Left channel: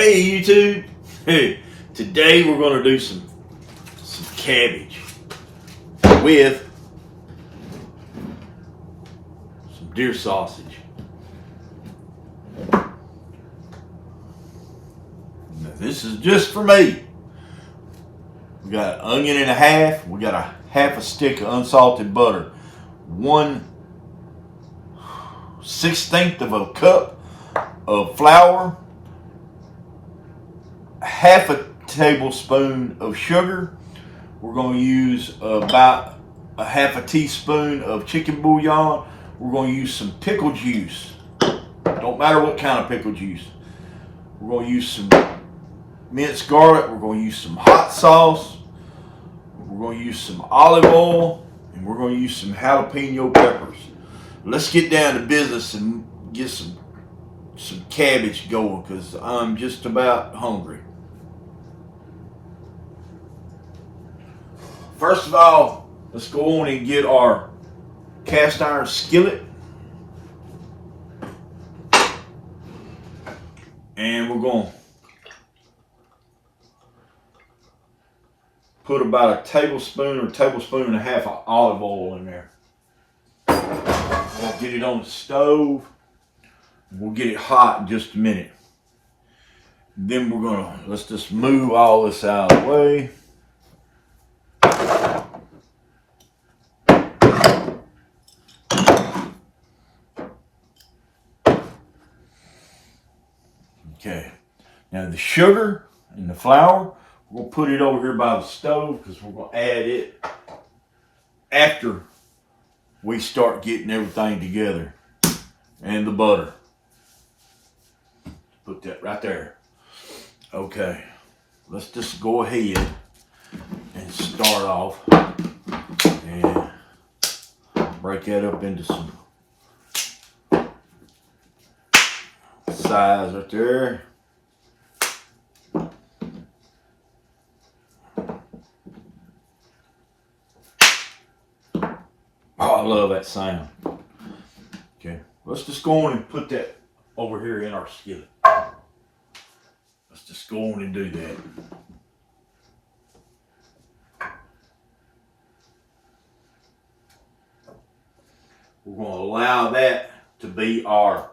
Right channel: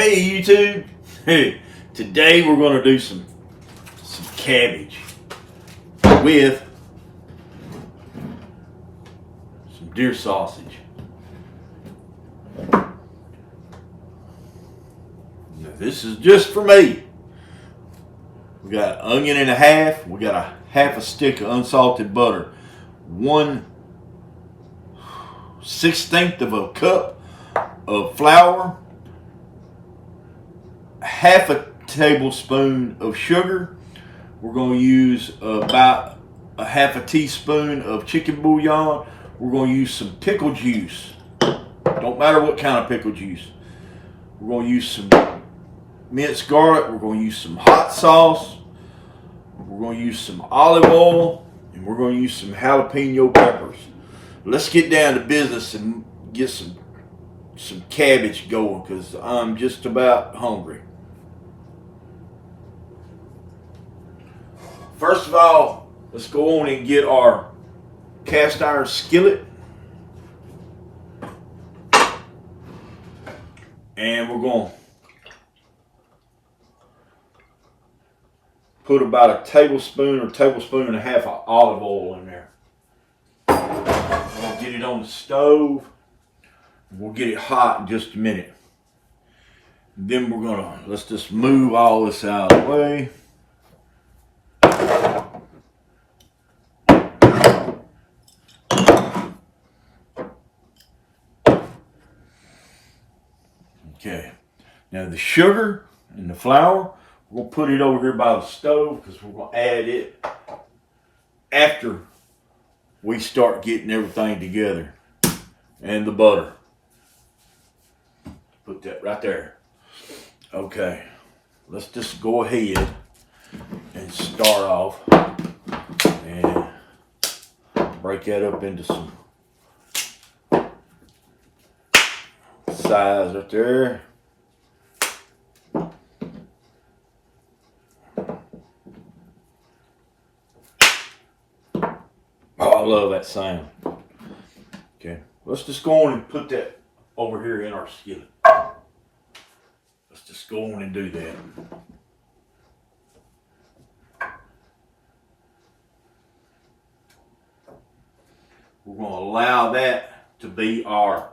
Hey YouTube, hey, today we're going to do some cabbage with some deer sausage. Now, this is just for me. We got an onion and a half. We got a half a stick of unsalted butter. 1/16 of a cup of flour. Half a tablespoon of sugar. We're going to use about a half a teaspoon of chicken bouillon. We're going to use some pickle juice. Don't matter what kind of pickle juice. We're going to use some minced garlic. We're going to use some hot sauce. We're going to use some olive oil. And we're going to use some jalapeno peppers. Let's get down to business and get some cabbage going, because I'm just about hungry. First of all, let's go on and get our cast iron skillet. And we're going to put about a tablespoon or tablespoon and a half of olive oil in there. We'll get it on the stove. We'll get it hot in just a minute. Then let's just move all this out of the way. Okay, now the sugar and the flour, we'll put it over here by the stove because we're going to add it after we start getting everything together. And the butter. Put that right there. Okay, let's just go ahead and start off and break that up into some size right there. Oh, I love that sound. Okay, let's just go on and put that over here in our skillet. Let's just go on and do that. We're going to allow that to be our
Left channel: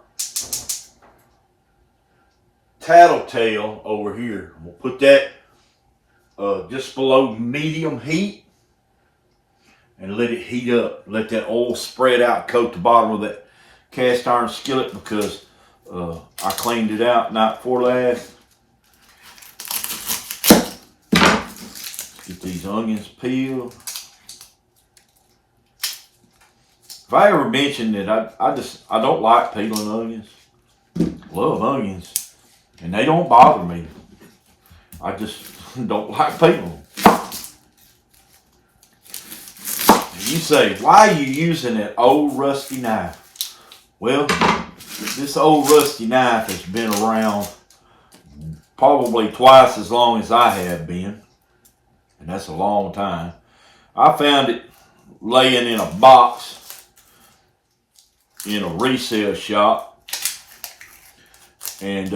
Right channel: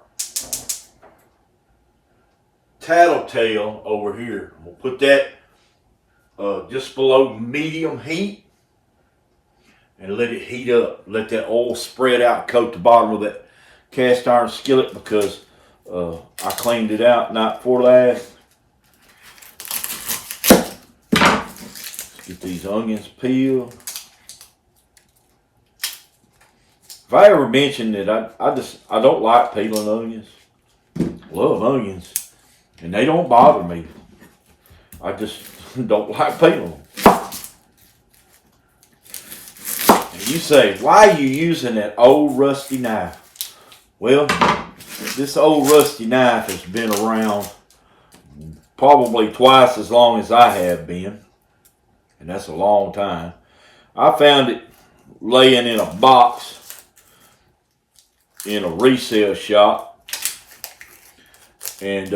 tattletale over here. We'll put that just below medium heat and let it heat up. Let that oil spread out, coat the bottom of that cast iron skillet, because I cleaned it out night before last. Let's get these onions peeled. If I ever mentioned that I don't like peeling onions. Love onions. And they don't bother me. I just don't like peeling them. And you say, why are you using that old rusty knife? Well, this old rusty knife has been around probably twice as long as I have been. And that's a long time. I found it laying in a box in a resale shop. And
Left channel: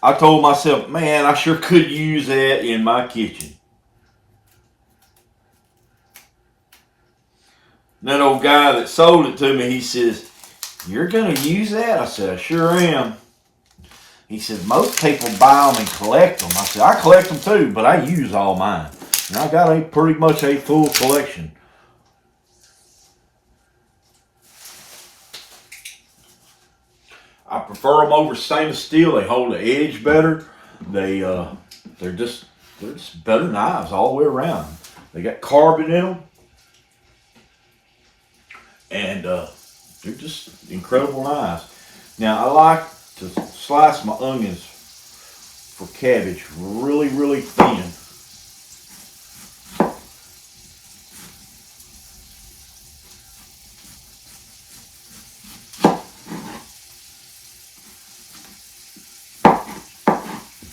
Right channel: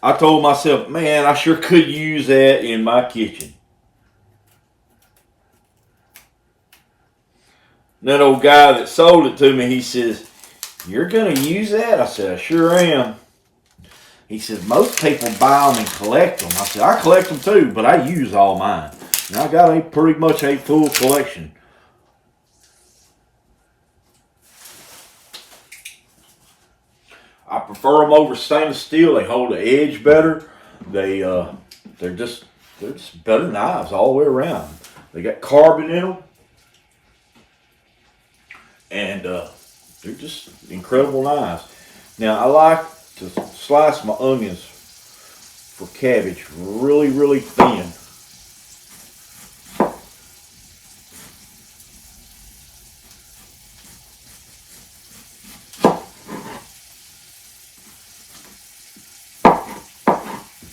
I told myself, man, I sure could use that in my kitchen. And that old guy that sold it to me, he says, you're going to use that? I said, I sure am. He said, most people buy them and collect them. I said, I collect them too, but I use all mine. And I got pretty much a full collection. I prefer them over stainless steel. They hold the edge better. They're just better knives all the way around. They got carbon in them. And they're just incredible knives. Now, I like to slice my onions for cabbage really, really thin.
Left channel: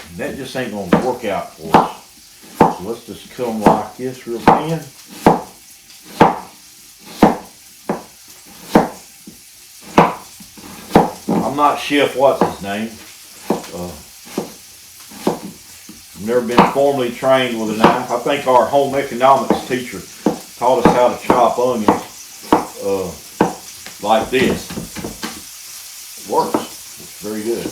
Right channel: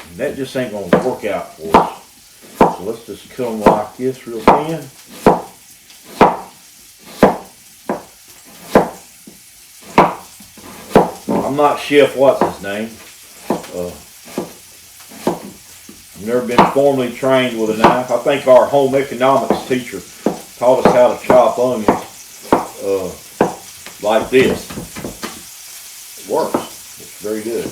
And that just ain't going to work out for us. So let's just cut them like this real thin. I'm not Chef what's his name, I've never been formally trained with a knife. I think our home economics teacher taught us how to chop onions like this. It works. It's very good.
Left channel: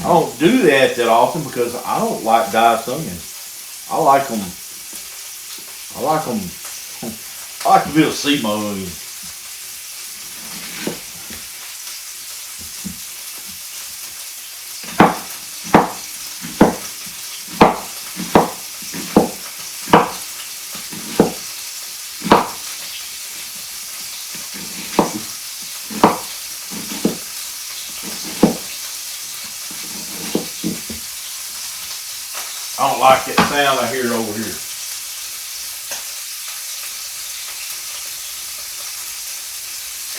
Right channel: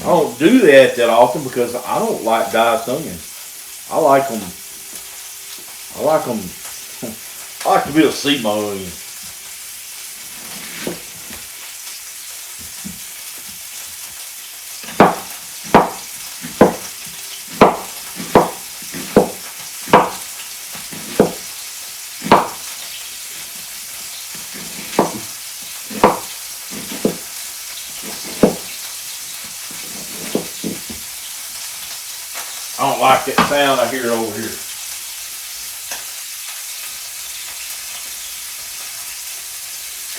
I don't do that often because I don't like diced onions. I like them. I like to be able to see my onions. I don't like that sound I hear over here.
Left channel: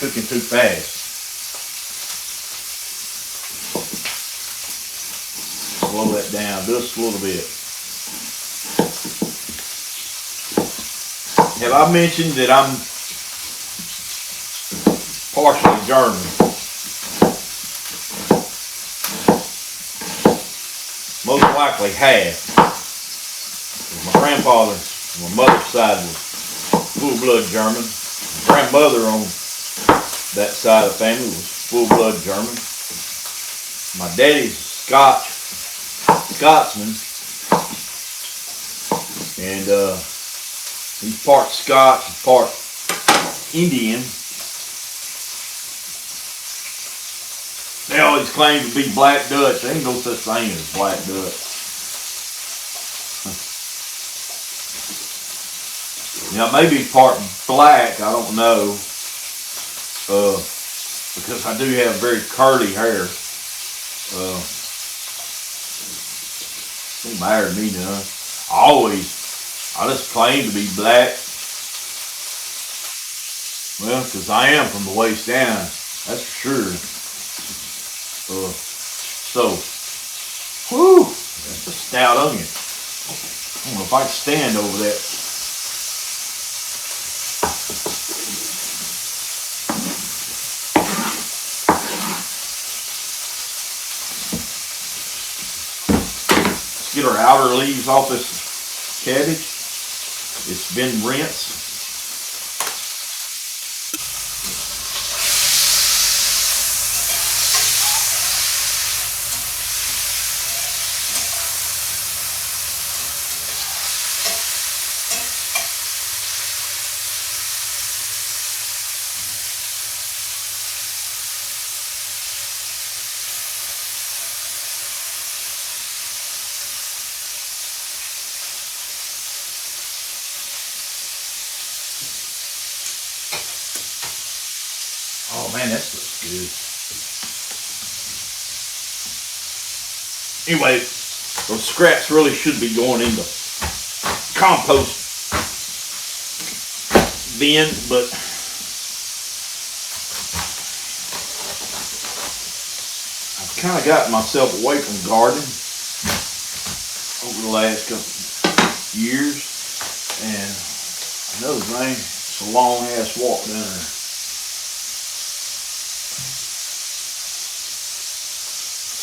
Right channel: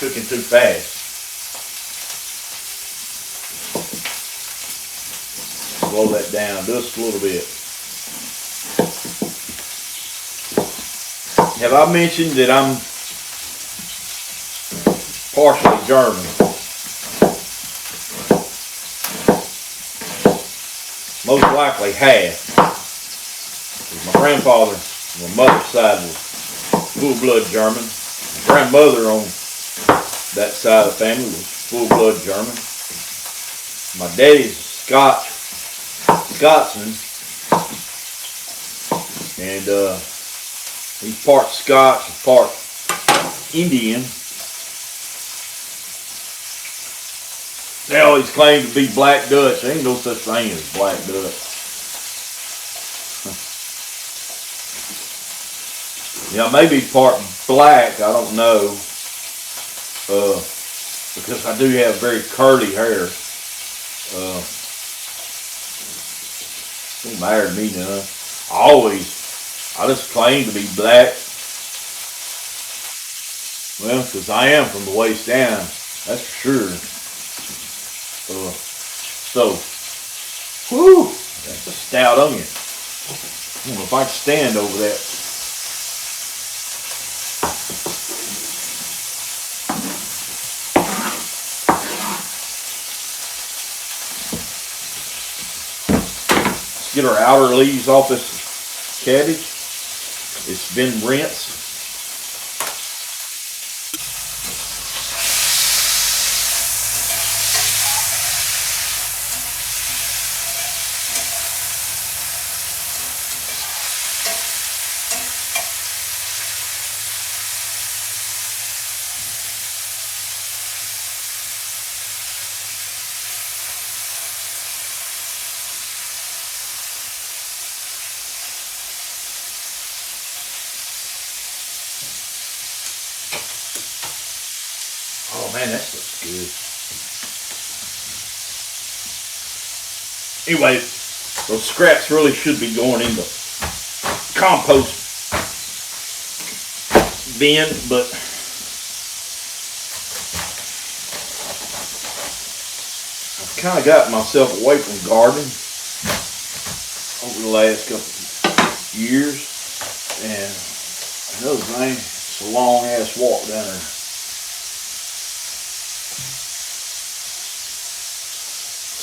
Cooking too fast. Slow that down just a little bit. Have I mentioned that I'm partially German? Most likely half. My grandfather on my mother's side was full-blood German. My grandmother on that side of the family was full-blood German. My daddy's Scotsman, and he's part Scots and part Indian. They always claim to be Black Dutch. There ain't no such thing as Black Dutch. Yeah, maybe part black, I don't know. Because I do have very curly hair. Don't matter to me none. I just claim to be black. Well, because I am from the waist down, that's for sure. Whew, that's a stout onion. I don't know if I can stand over that. Let's get our outer leaves off this cabbage. It's been rinsed. Oh man, that looks good. Anyway, those scraps really should be going in the compost bin, but I've kind of gotten myself away from gardening over the last couple of years, and another thing, it's a long ass walk down there.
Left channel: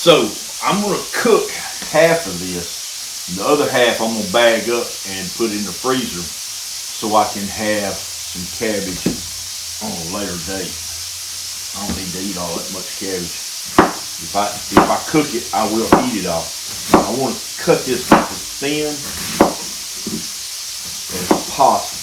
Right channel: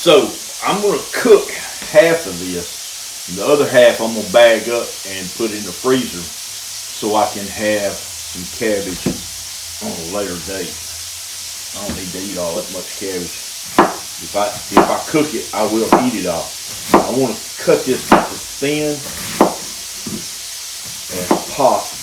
So I'm going to cook half of this. The other half I'm going to bag up and put in the freezer so I can have some cabbage on a later date. I don't need to eat all that much cabbage. If I cook it, I will eat it all. I want to cut this as thin as possible.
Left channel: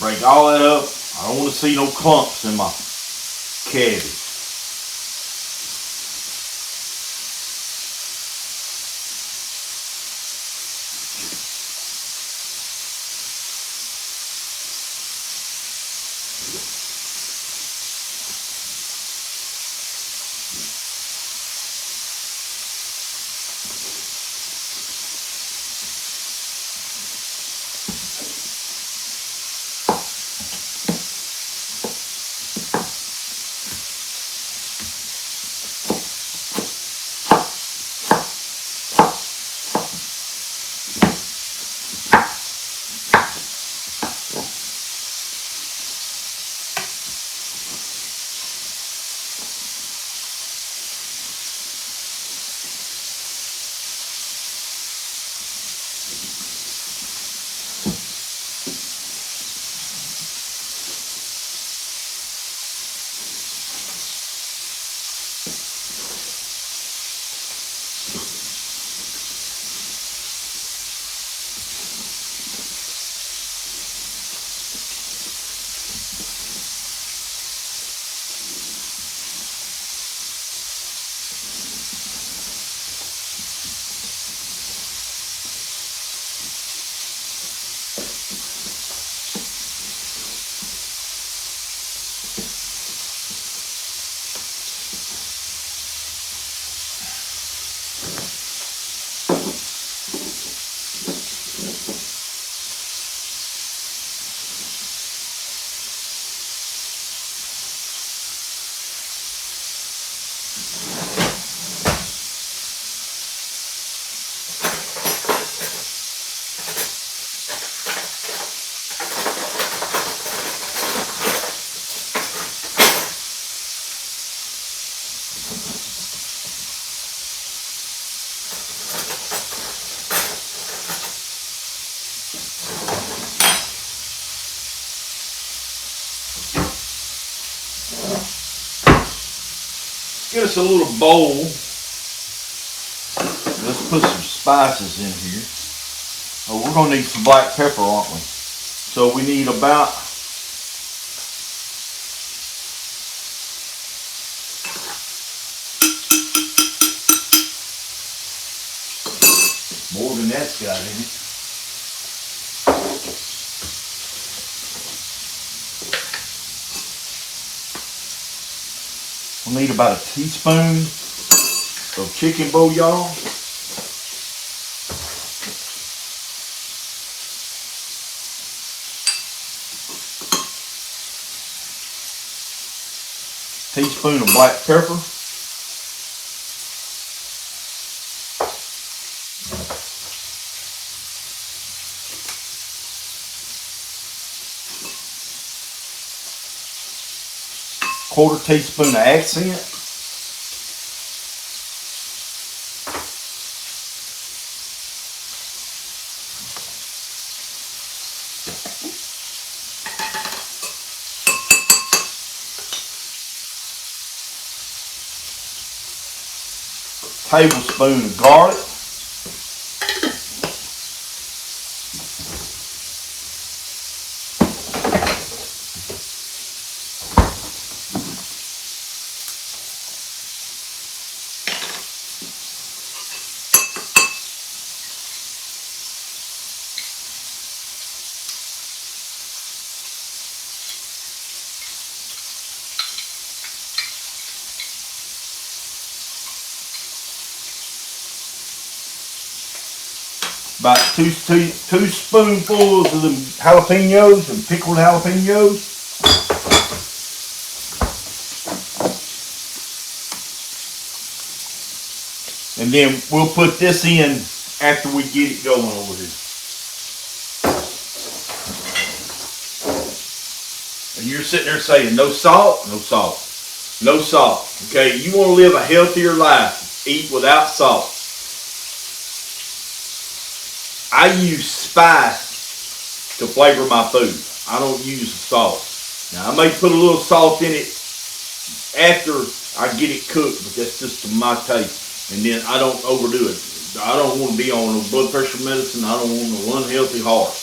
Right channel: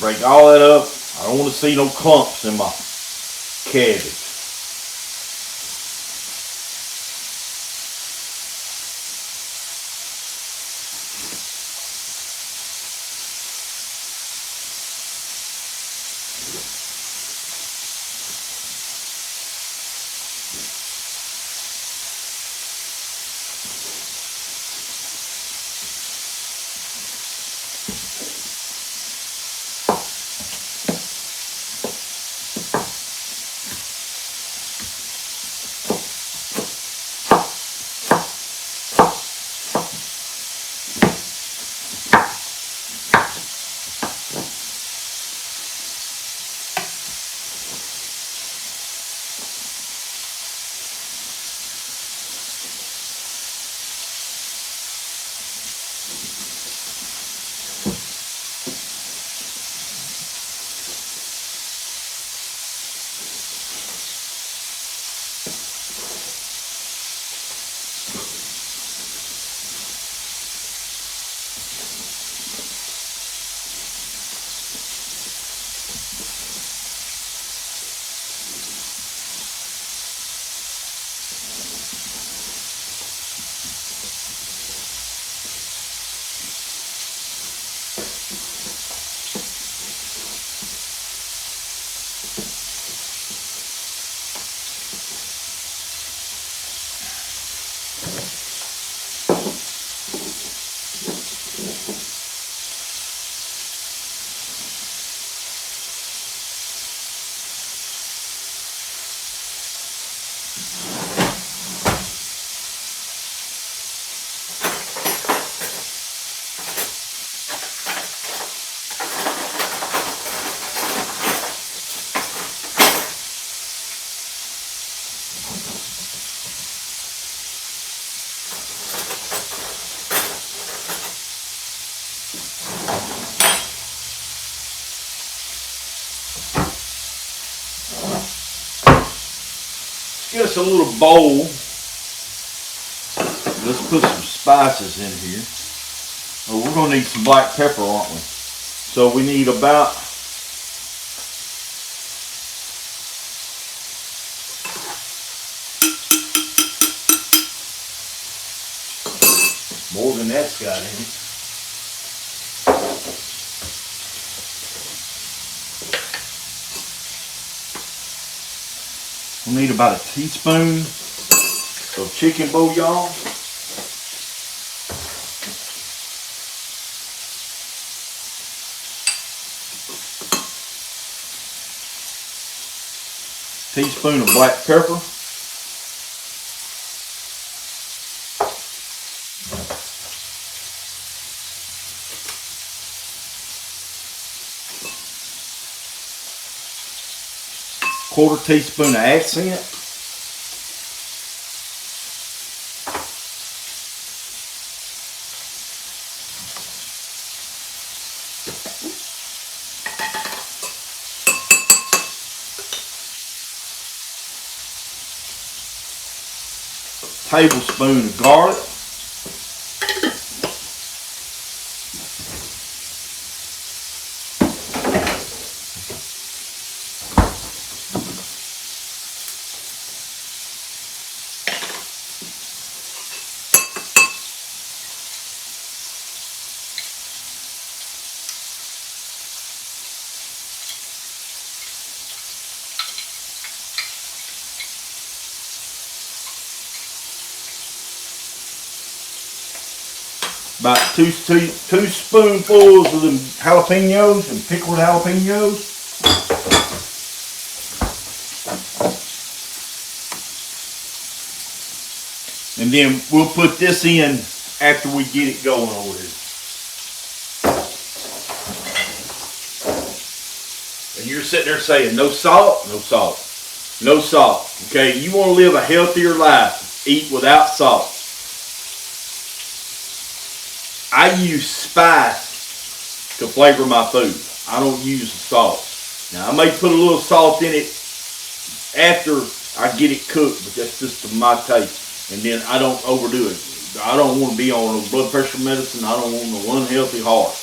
Break all that up. I don't want to see no clumps in my cabbage. Get us a little bowl. Let's put some spices in here. Oh, we're gonna need some black pepper, aren't we? So we need about more than that's got in it. We need about a teaspoon of chicken bouillon. Teaspoon of black pepper. Quarter teaspoon of accent. Tablespoon of garlic. About two spoonfuls of the jalapenos and pickled jalapenos. And then we'll put this in after we get it going over here. And you're sitting there saying, no salt, no salt, no salt. Okay, you want to live a healthier life, eat without salt. I use spice to flavor my food. I don't use salt. Now, I may put a little salt in it after I get it cooked, but that's just to my taste. And then I don't overdo it. I don't want to be on no blood pressure medicine. I don't want no unhealthy heart.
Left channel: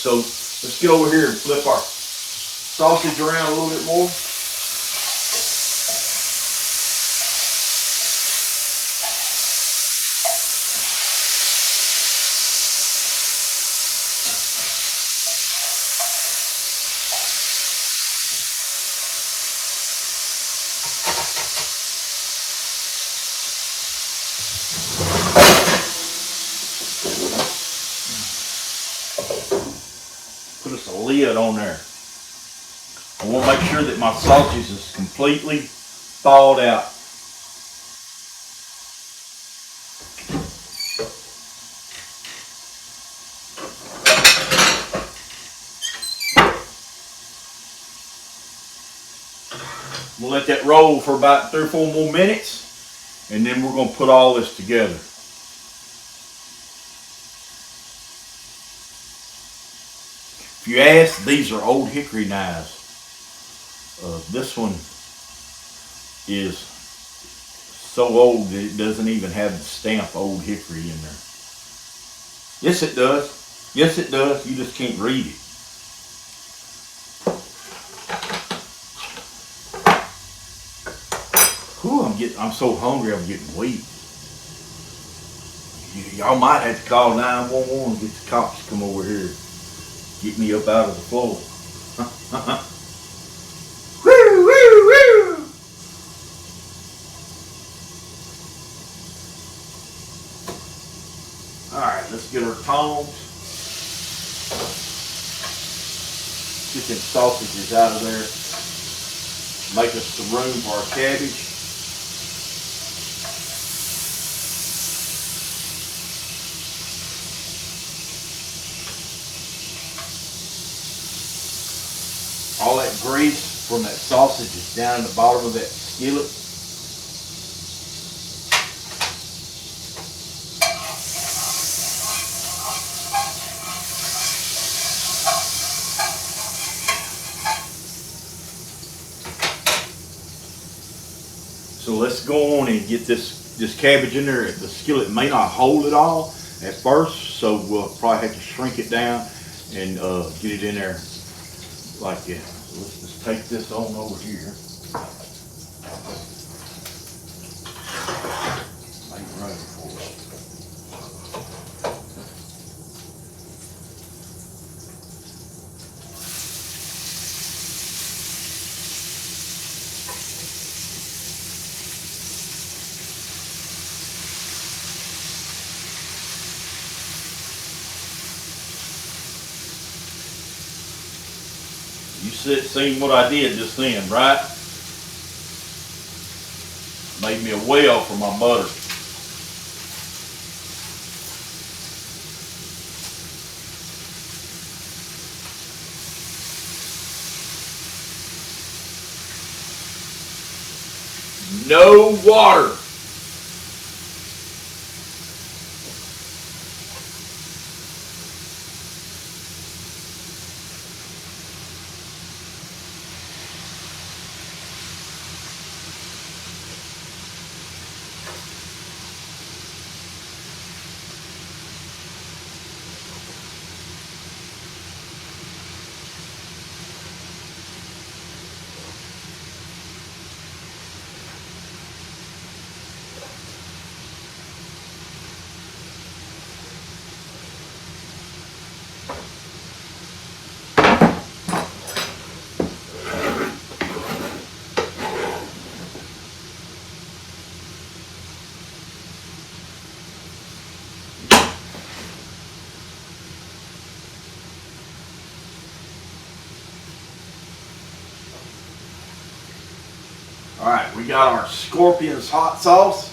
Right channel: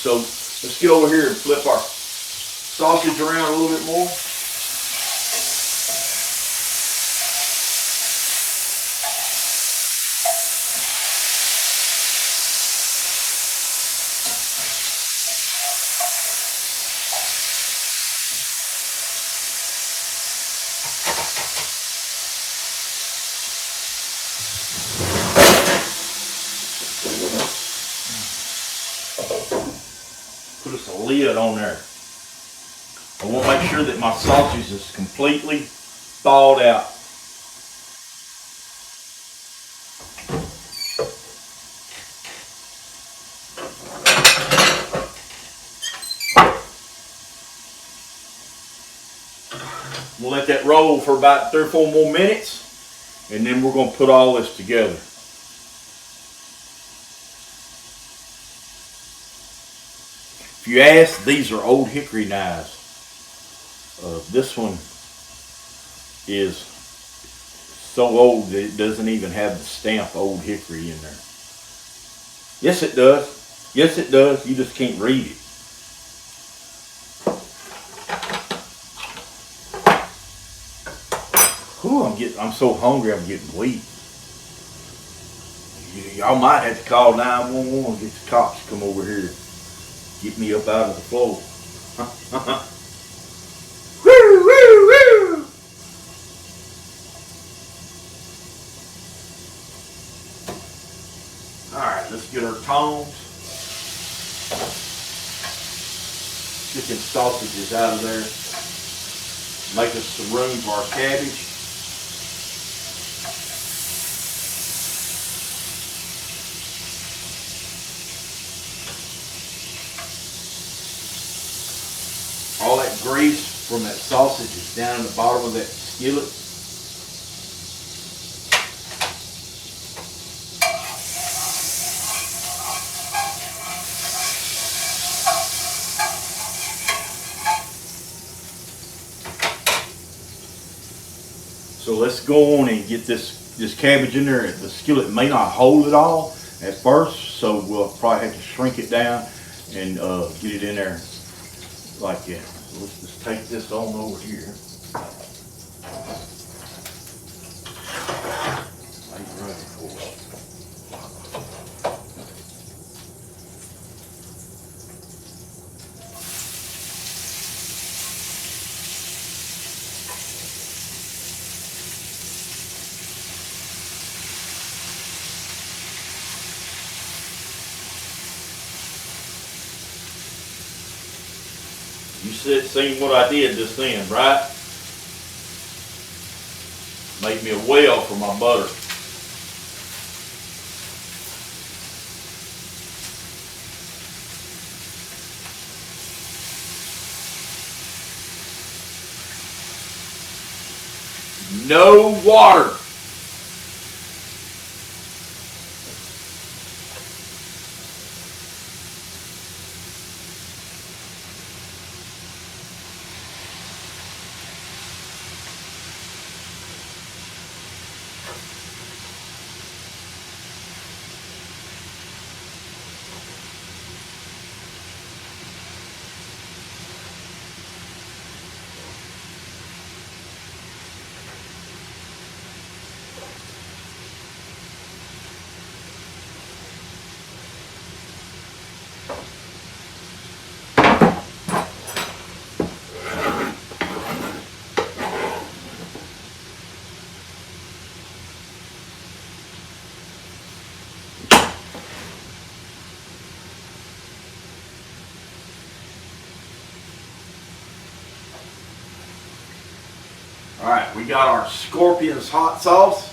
So Let's get over here and flip our sausage around a little bit more. Put us a lid on there. I want to make sure that my sausage is completely thawed out. We'll let that roll for about 3 or 4 more minutes, and then we're going to put all this together. If you ask, these are old hickory knives. This one is so old that it doesn't even have the stamp old hickory in there. Yes, it does. Yes, it does. You just can't read it. Whew, I'm so hungry, I'm getting weak. Y'all might have to call 911 and get the cops to come over here. Get me up out of the floor. Woo, woo, woo. Alright, let's get our tongs. Chicken sausages out of there. Make us some room for our cabbage. All that grease from that sausage is down in the bottom of that skillet. So let's go on and get this cabbage in there. The skillet may not hold it all at first, so we'll probably have to shrink it down and get it in there like that. So let's just take this on over here. Make it ready for it. You seen what I did just then, right? Made me a well for my butter. No water. All right, we got our Scorpion's hot sauce.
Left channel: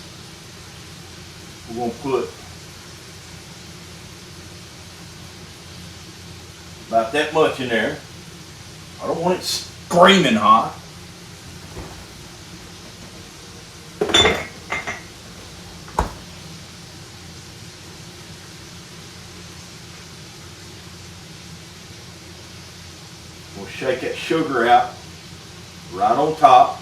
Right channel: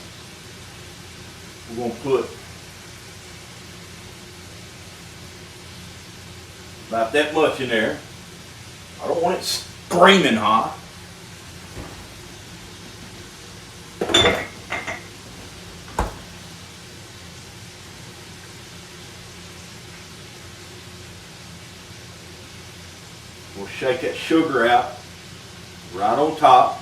We're gonna put about that much in there. I don't want it screaming hot. We'll shake that sugar out right on top.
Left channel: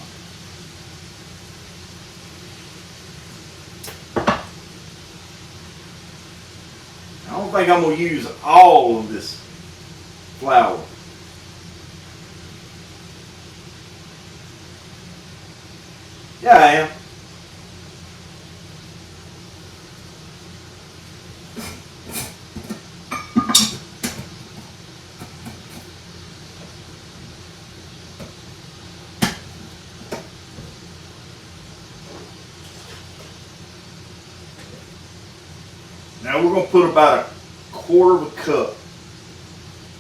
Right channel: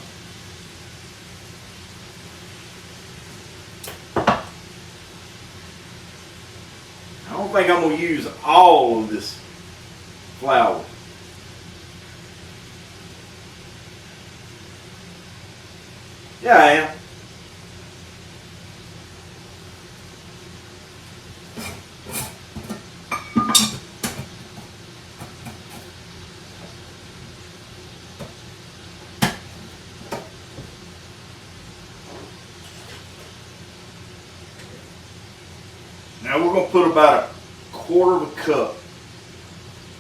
I don't think I'm going to use all of this flour. Yeah, I am. Now we're going to put about a quarter of a cup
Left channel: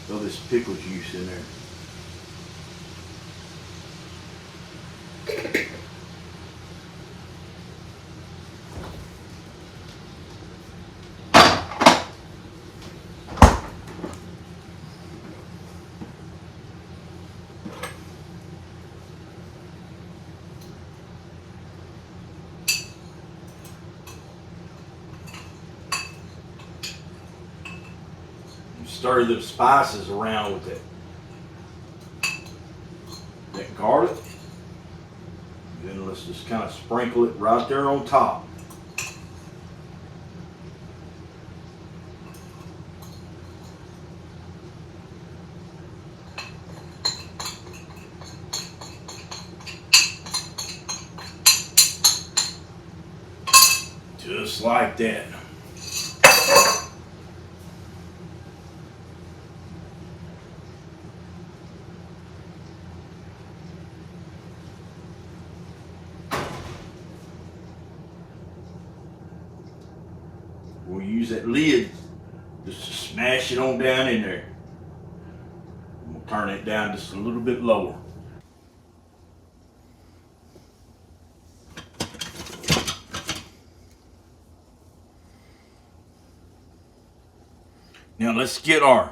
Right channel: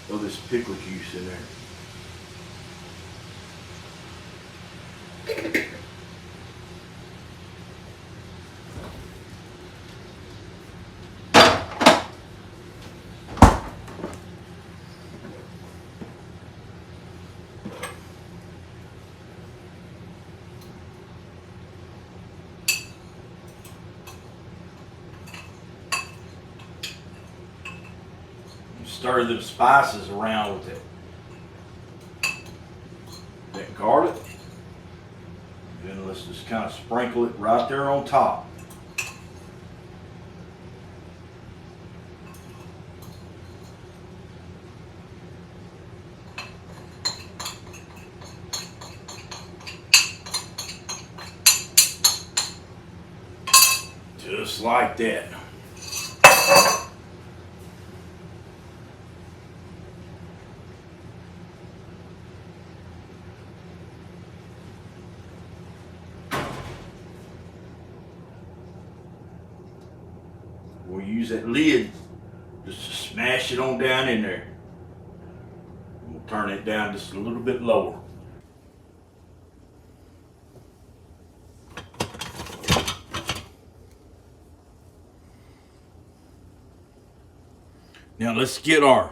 of this pickle juice in there. Stir the spices around with that garlic. Then let's just kind of sprinkle it right there on top. Just like that. We'll use that lid just to smash it on down in there. And we'll turn it down just a little bit lower. Now let's get our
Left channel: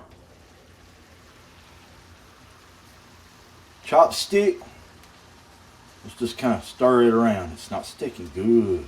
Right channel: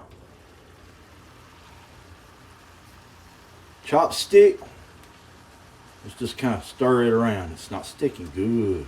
chopstick. Let's just kind of stir it around. It's not sticking good.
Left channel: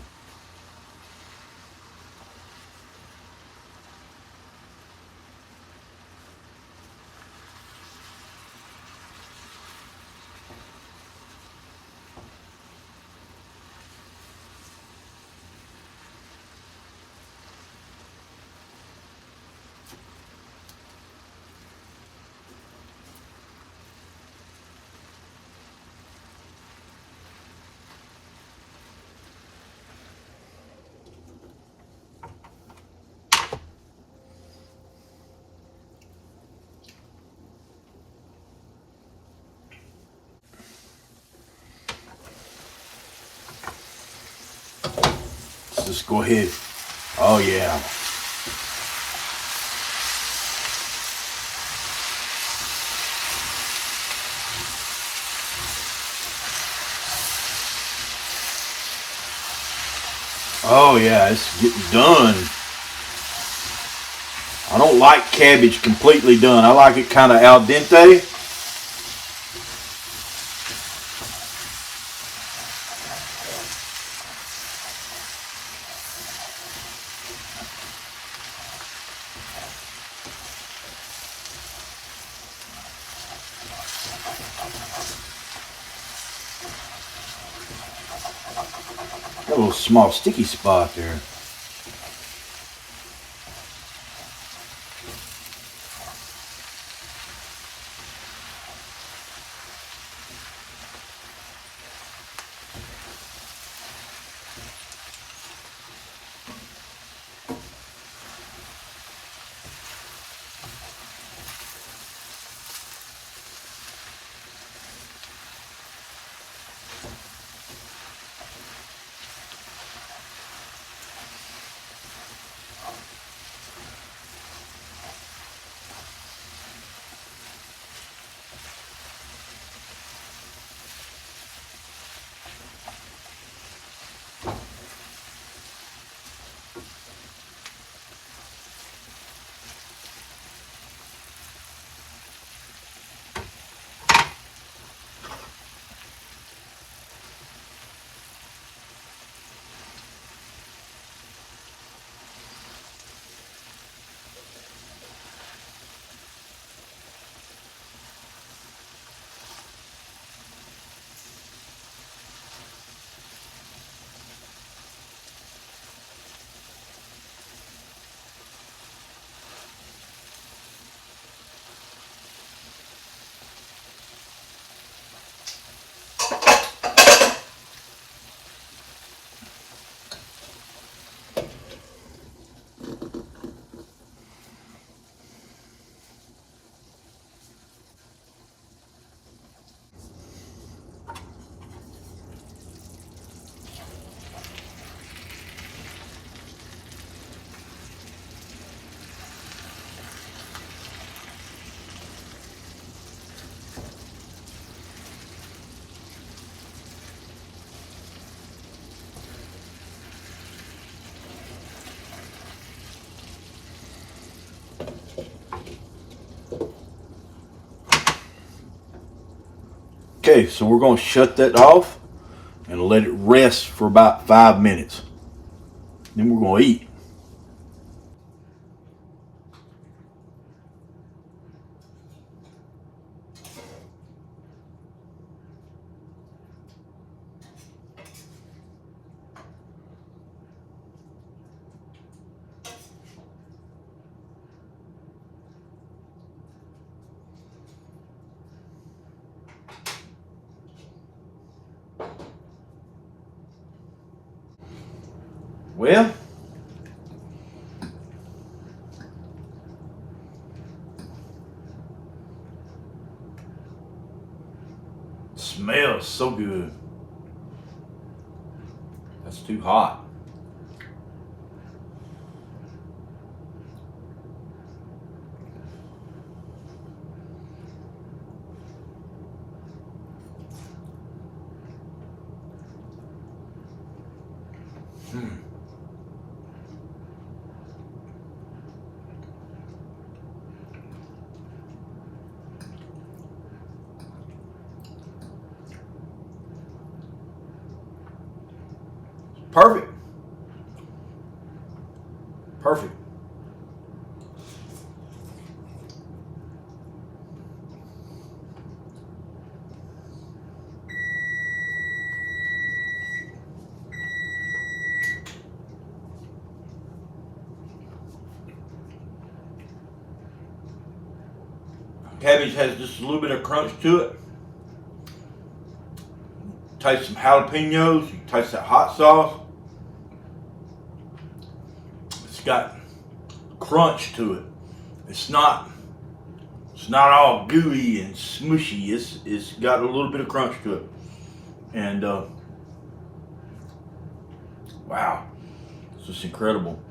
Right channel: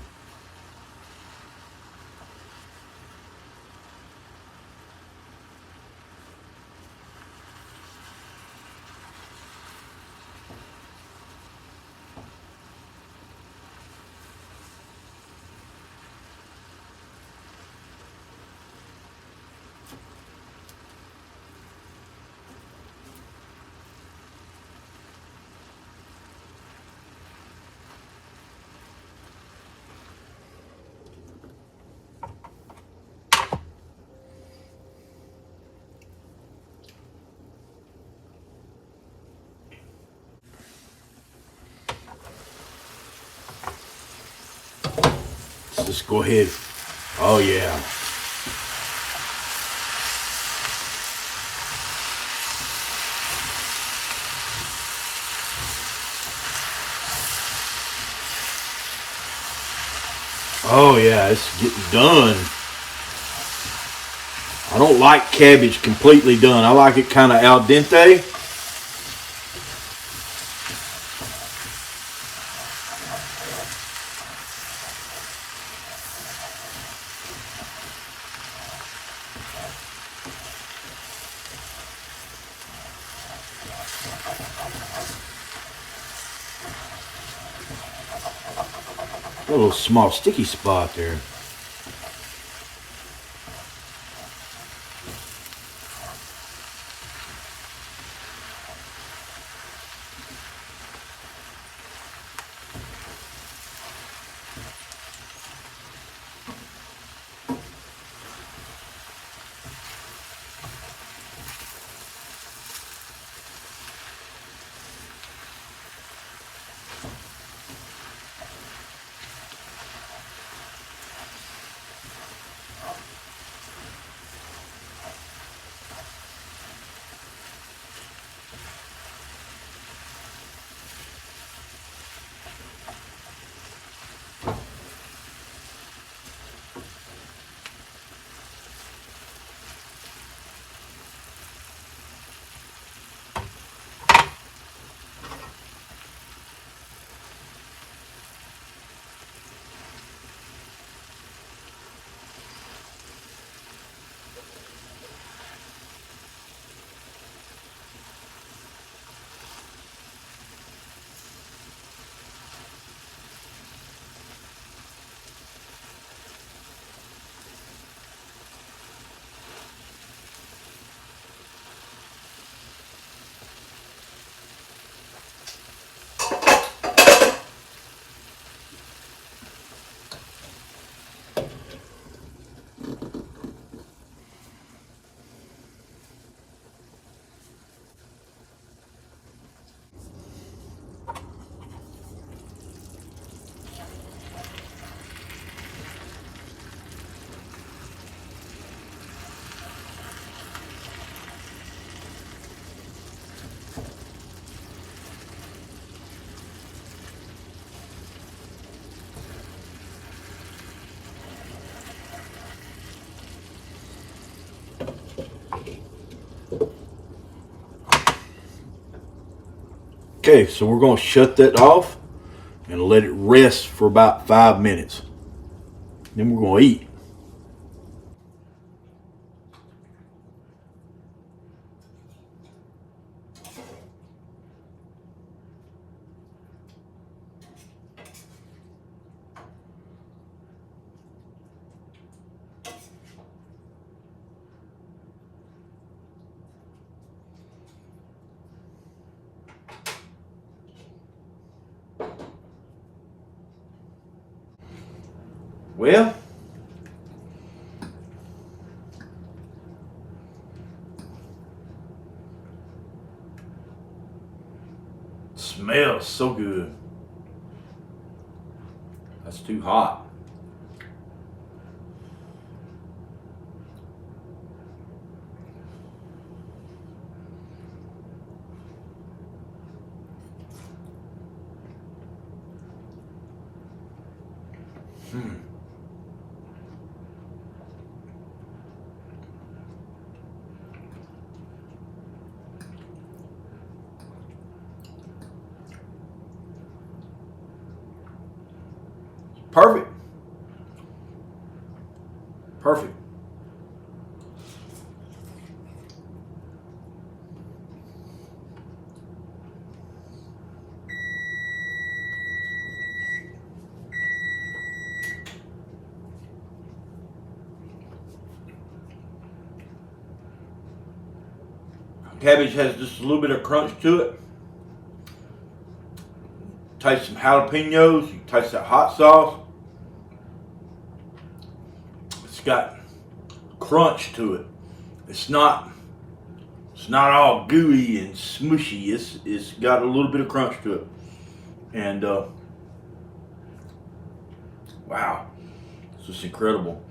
Let's just go ahead. Oh yeah. Oh yeah, it's getting done. I don't like cabbage completely done. I like it kind of al dente. Got a little small sticky spot there. Okay, so we're going to shut that off and let it rest for about 5 minutes. Then we're going to eat. Well, smells so good. That's too hot. Perfect. Perfect. Cabbage has just a little bit of crunch to it. Taste some jalapenos. You taste that hot sauce. It's got crunch to it. It's not all gooey and smushy. It's got a little bit of crunch to it. And wow, it's just incredible.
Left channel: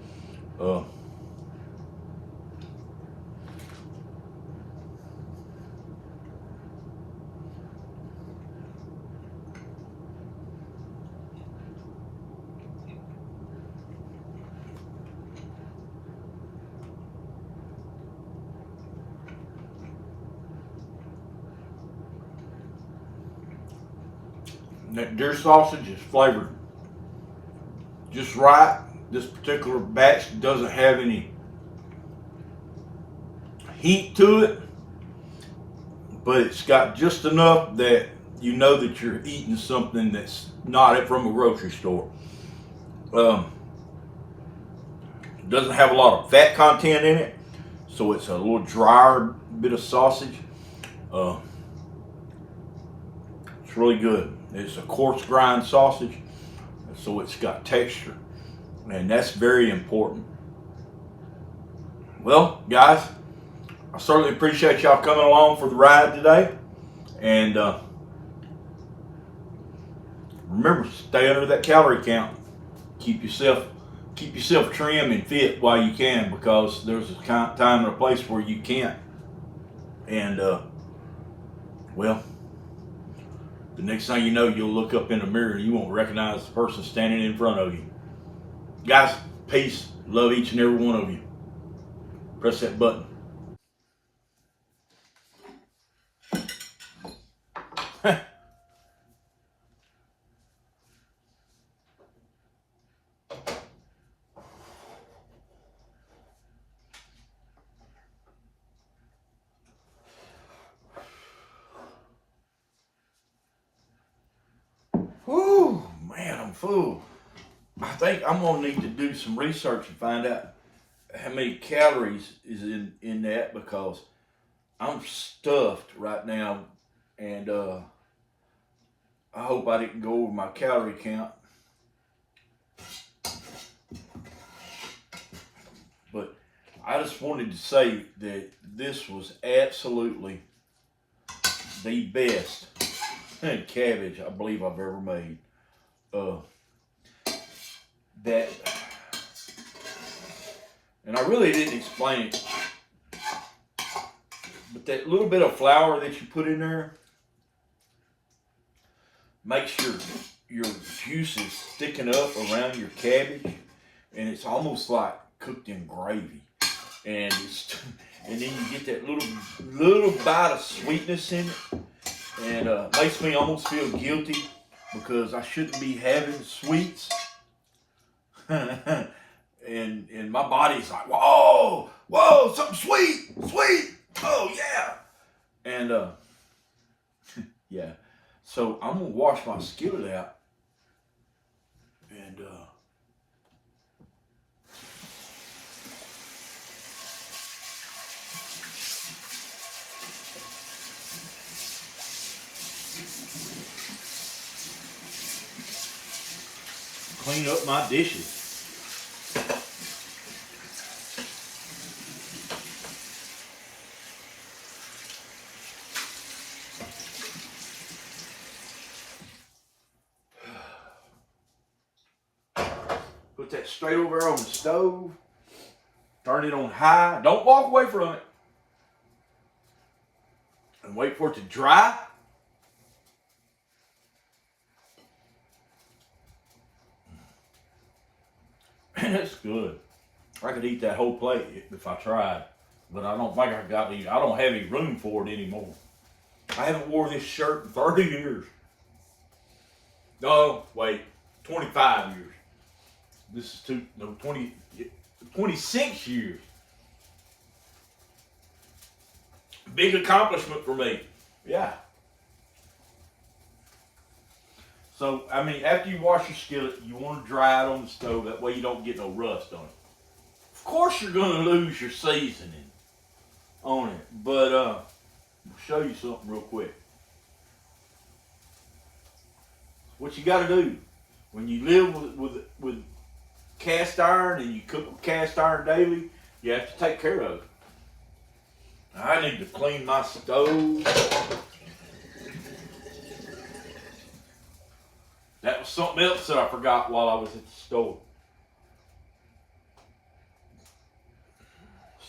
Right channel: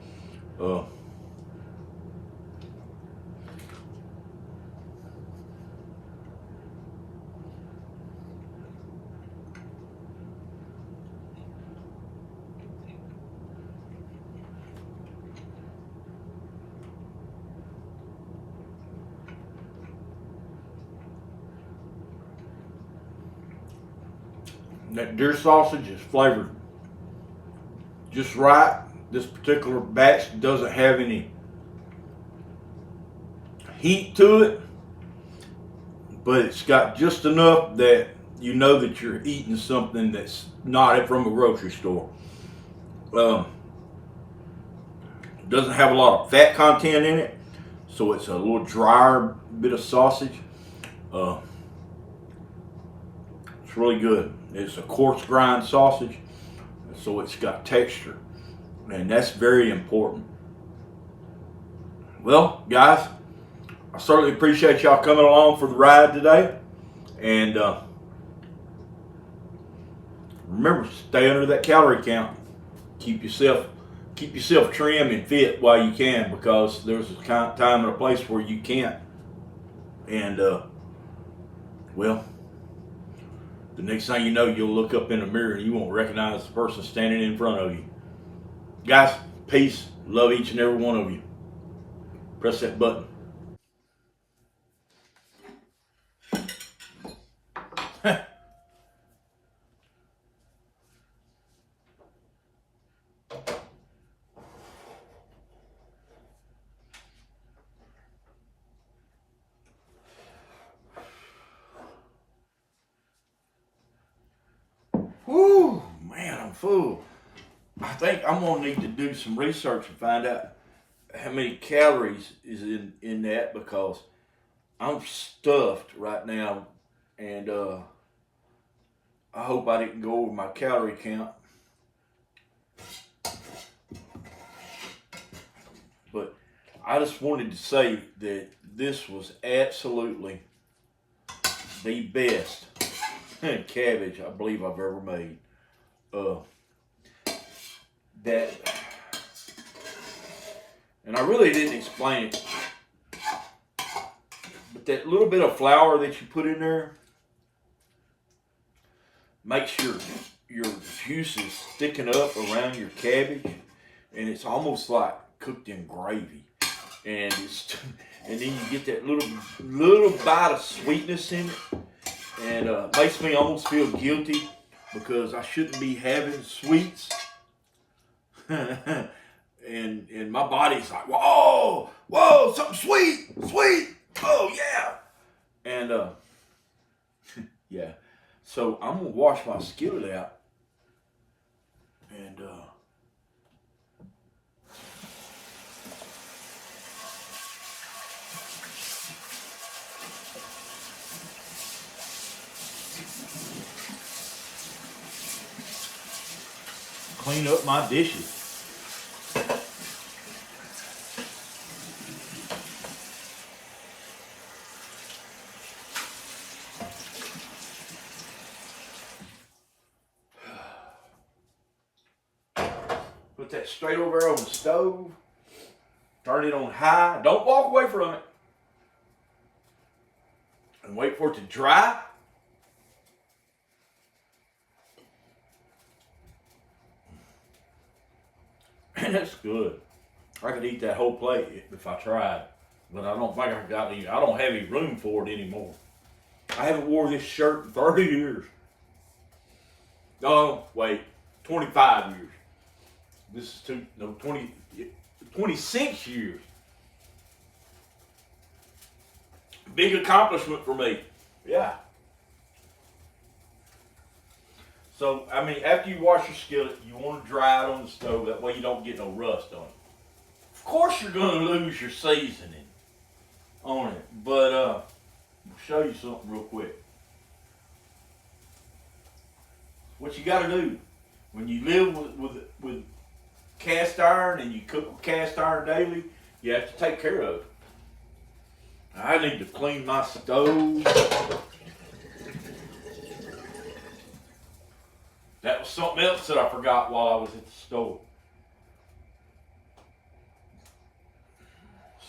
That deer sausage is flavored just right. This particular batch doesn't have any heat to it, but it's got just enough that you know that you're eating something that's not from a grocery store. Doesn't have a lot of fat content in it, so it's a little drier bit of sausage. It's really good. It's a coarse grind sausage, so it's got texture, and that's very important. Well, guys, I certainly appreciate y'all coming along for the ride today, and remember, stay under that calorie count. Keep yourself trim and fit while you can, because there's a time and a place where you can't. And well, the next thing you know, you'll look up in the mirror and you won't recognize the person standing in front of you. Guys, peace. Love each and every one of you. Press that button. Whew, man, I'm full. I think I'm gonna need to do some research and find out how many calories is in that, because I'm stuffed right now, and I hope I didn't go over my calorie count. But I just wanted to say that this was absolutely the best cabbage I believe I've ever made. And I really didn't explain it, but that little bit of flour that you put in there makes your juices thicken up around your cabbage, and it's almost like cooked in gravy. And then you get that little bite of sweetness in it. And makes me almost feel guilty because I shouldn't be having sweets. and my body's like, whoa, whoa, something sweet, sweet, oh yeah. And yeah, so I'm gonna wash my skillet out and clean up my dishes. Put that straight over there on the stove. Turn it on high. Don't walk away from it. And wait for it to dry. And it's good. I could eat that whole plate if I tried. But I don't think I got any. I don't have any room for it anymore. I haven't worn this shirt in 30 years. No, wait. 25 years. This is 26 years. Big accomplishment for me. Yeah. So, I mean, after you wash your skillet, you want to dry it on the stove. That way you don't get no rust on it. Of course you're going to lose your seasoning on it. But, I'll show you something real quick. What you got to do when you live with cast iron and you cook with cast iron daily, you have to take care of it. I need to clean my stove. That was something else that I forgot while I was at the store.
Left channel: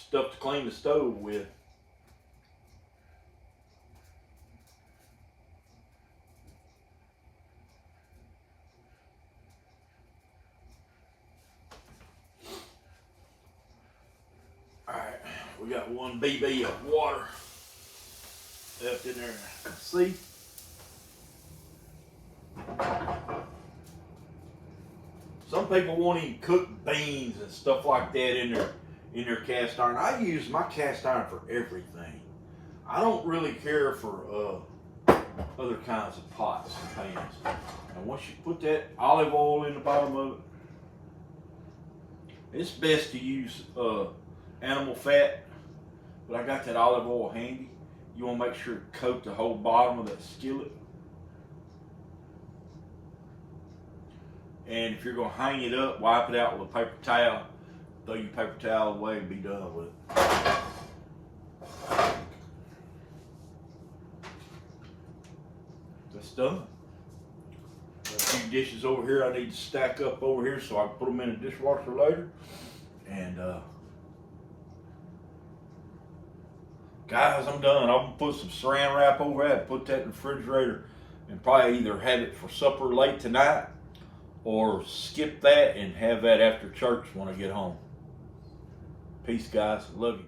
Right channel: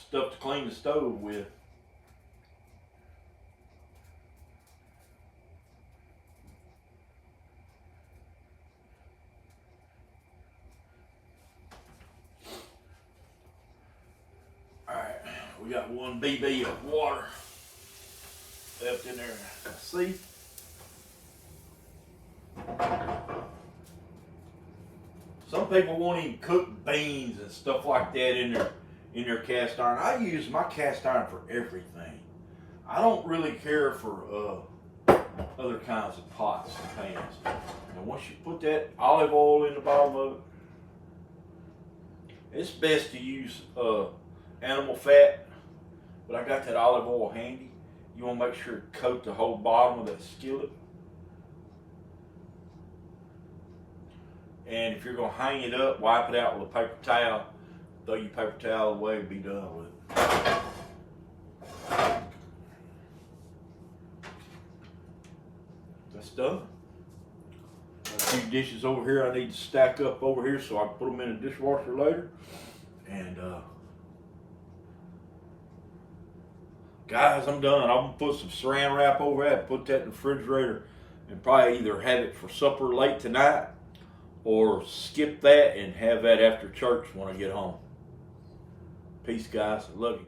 Stuff to clean the stove with. Alright, we got 1 BB of water left in there. See? Some people won't even cook beans and stuff like that in their cast iron. I use my cast iron for everything. I don't really care for other kinds of pots and pans. And once you put that olive oil in the bottom of it, it's best to use animal fat, but I got that olive oil handy. You want to make sure to coat the whole bottom of that skillet. And if you're going to hang it up, wipe it out with a paper towel. Throw your paper towel away and be done with it. That's done. Got a few dishes over here I need to stack up over here so I can put them in the dishwasher later. And guys, I'm done. I'm going to put some saran wrap over that, put that in the refrigerator, and probably either have it for supper late tonight or skip that and have that after church when I get home. Peace, guys. Love you.